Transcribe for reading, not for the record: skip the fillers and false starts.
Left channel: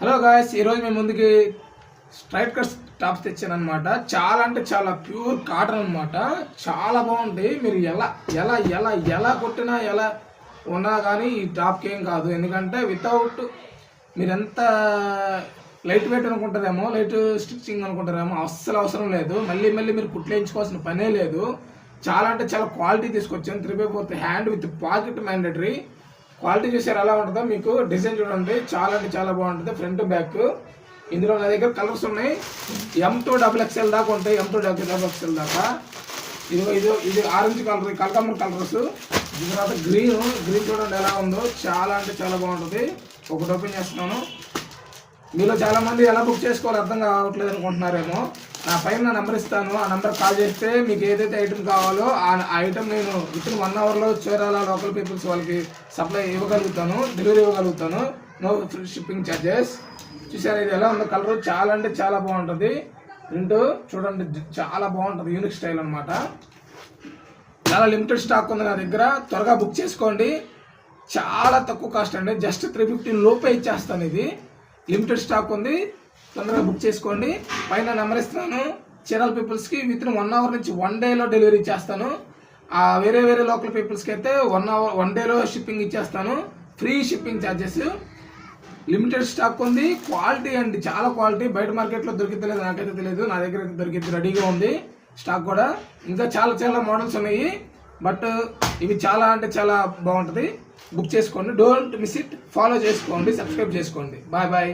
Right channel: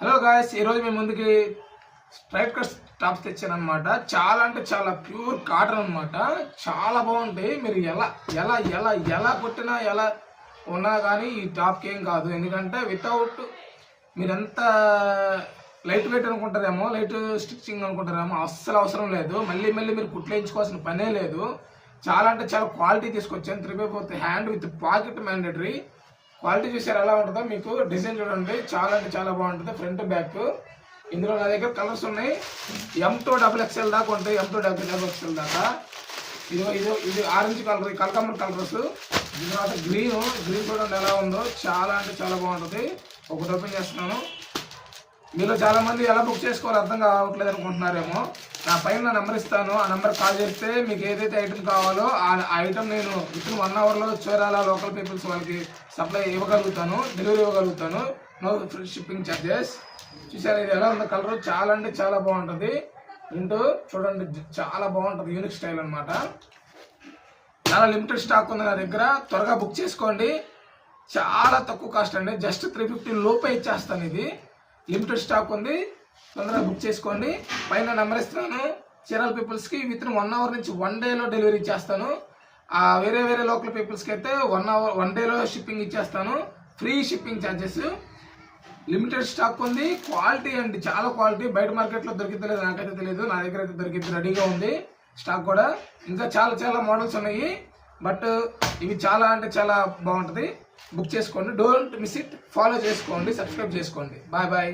Hello guys, ఈరోజు మేము ముందుకి స్ట్రైట్ కట్ టాప్స్ తెచ్చాను అనమాట. చాలా అంటే చాలా ప్యూర్ కాటన్ అనమాట. చాలా బాగుంటాయి. మీరు ఎలా ఎలా ఎలా ఎలా కొట్టినా ఎలా ఉన్నా కానీ ఈ టాప్కి ఏం కాదు. ఎందుకంటే వితౌట్ మీరెంత లైట్ వెయిట్ అనుకుంటారేమో, లైట్ స్టిచ్చింగ్ అనుకుంటారేమో, అస్సలు అవసరం లేదు. మళ్ళీ మళ్ళీ మీరు కుట్లేయించుకోవాల్సిన పనే లేదు. చాలా అంటే చాలా క్వాలిటీ తీసుకొచ్చాను. 3/4 hand with pocket mandatory. Quality చూసారు ఎలా ఉంటుందో. మీకు డిజైన్ చూడండి, చాలా అంటే చాలా బాగుంటుంది. ఫ్రంట్ బ్యాక్ ఇందులో నా దగ్గర కలర్స్ ఉన్నాయి. M2XXL దాకా ఉంటాయి. M2XXL దాకా. ఇది ఆరెంజ్ కలర్, కలకమర్ కలర్స్. దీని తర్వాత గ్రీన్ చూడండి ఎలా ఉందో. చాలా అంటే చాలా బాగుంటుంది. ఒకటి ఓపెన్ చేస్తున్నాను. మీలో చాలా మంది ఎలా బుక్ చేసుకోవాలో అర్థం కావట్లేదు అనుకుంటున్నారేమో. నా పైన నెంబర్ ఇస్తాను. ఆ నెంబర్ కాల్ చేస్తే మీకు ఏదైతే ఐటమ్ కావాలో ఆ ఐటమ్ నేను వితిన్ 1 అవర్లో చీరాల లోకల్ పీపుల్స్ వాళ్ళకి సప్లై ఇవ్వగలుగుతాను, డెలివరీ ఇవ్వగలుగుతాను. No free shipping charges. చూసారు ఇది ఎలా ఉందో. కలర్ చాలా అంటే చాలా బాగుంటుంది. ప్రింట్ చూడండి చాలా బాగుంటుంది. యూనిక్ స్టైల్ అనమాట. చాలా లిమిటెడ్ స్టాక్ ఉంది నా దగ్గర. త్వరగా బుక్ చేసుకోండి. చాలా తక్కువ కాస్ట్ అండి. జస్ట్ 350 లోపే ఇచ్చేస్తాను. ఇది లిమిటెడ్ స్టాక్ ఉంది. తొందరగా బుక్ చేసుకోండి. పైన నెంబర్ ఇస్తున్నాను. చీరాల పీపుల్స్కి వితిన్ 1 అవర్ నుంచి 1 డేలో డెలివరీ ఇచ్చేస్తాను. వేరే లోకల్ పీపుల్స్కి అయితే 1 డేలో షిప్పింగ్ ఇచ్చేస్తాను. Free shipping charges. Limited stock ఉంది. క్వాలిటీ అండి చాలా క్వాలిటీ. బయట మార్కెట్లో దొరికితలేదు, నాకైతే తెలియదు. నా దగ్గర అయితే దొరికింది, రెడీగా ఉంది స్టాక్ కూడా. ఇంకా చాలా మోడల్స్ ఉన్నాయి. బట్ ఇవి చాలా అంటే చాలా బాగుంటుంది. బుక్ చేసుకోండి. Don't miss it. ఫాలో చేసుకోండి, సబ్స్క్రైబ్ చేసుకోండి. బాయ్.